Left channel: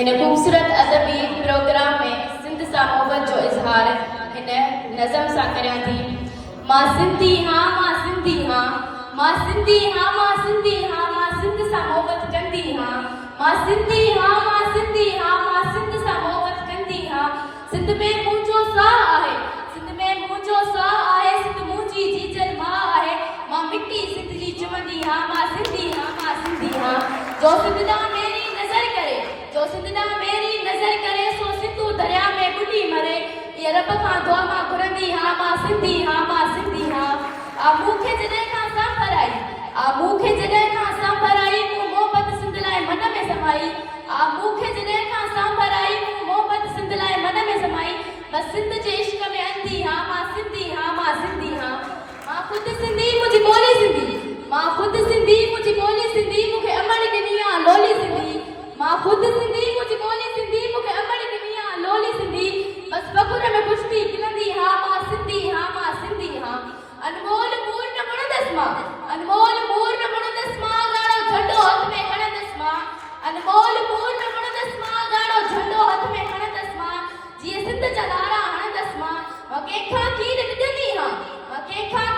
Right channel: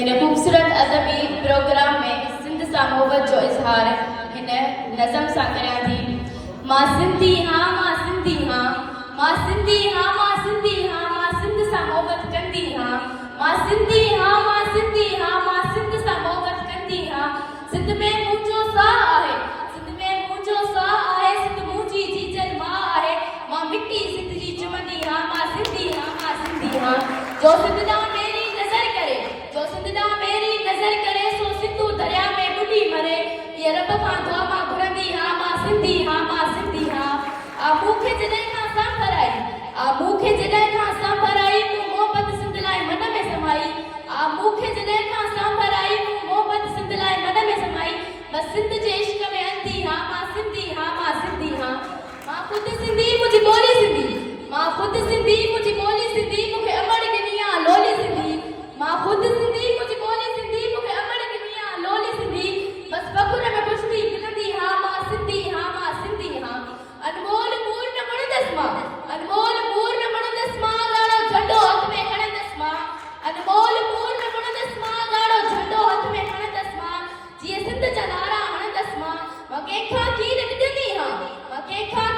इन खूबसूरत अदबी प्रोग्राम में सिंध सां मोहब्बत जो इज़हार हिन नज़म सां करियां थी। मां सिंधी हाँ, मां सिंधी हाँ, मां सिंधी हाँ, मां सिंधी हाँ, मां सिंध सां मोहब्बत कंदी हाँ, मां सिंधी हाँ, मां सिंधी हाँ, मां सिंध सां मोहब्बत कंदी हाँ। सिंध में मुंहिंजो साह आहे, सिंध में मुंहिंजो साह आहे, सिंध मुंहिंजी जीजल मां आहे। मां मिट्टी सिंध जी चुमंदी हाँ, मां सिंधी हाँ, मां सिंधी हाँ। जो सिंध दा मेरी नज़र करे, जो सिंध दा मेरी नज़र करे, सो सिंधु दरिया में बुॾी मरे। ये रब खां दुआ मां घुरंदी हाँ, मां सिंधी हाँ, मां सिंधी हाँ। आ मूंखे जॾहिं खां सांभर आई, आ मूंखे जॾहिं खां सांभर आई, मूं मोहब्बत सिंध लाइ मन में समाई। आ मूंखे जॾहिं खां सांभर आई, मूं मोहब्बत सिंध लाइ मन में समाई। बस सिंध जे इश्क में अंधी हाँ, मां सिंधी हाँ, मां सिंधी हाँ। मां ख़ुदि सिंधी, मुंहिंजी ॿोली सिंधी, मां ख़ुदि सिंधी, मुंहिंजी ॿोली सिंधी, मूंखे अमड़ ॾिनी आहे लोली सिंधी। मां ख़ुदि सिंधी, मुंहिंजी ॿोली सिंधी, मूंखे अमड़ ॾिनी आहे लोली सिंधी। बस बकुर में खुशबी खिलंदी हाँ, मां सिंधी हाँ, मां सिंधी हाँ। अनमोल मूर न मुणंदसि मां, अनमोल मूर न मुणंदसि मां, ॻाढ़ो झंडो हथ में खणंदसि मां। अनमोल मूर न मुणंदसि मां, ॻाढ़ो झंडो हथ में खणंदसि मां। जीअं सिंध जा नारा हणंदसि मां। मां कंहिंखां खीर विझंदी हाँ, मां कंहिंखां